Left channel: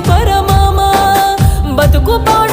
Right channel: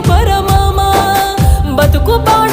పరమామా బతుకు పాడు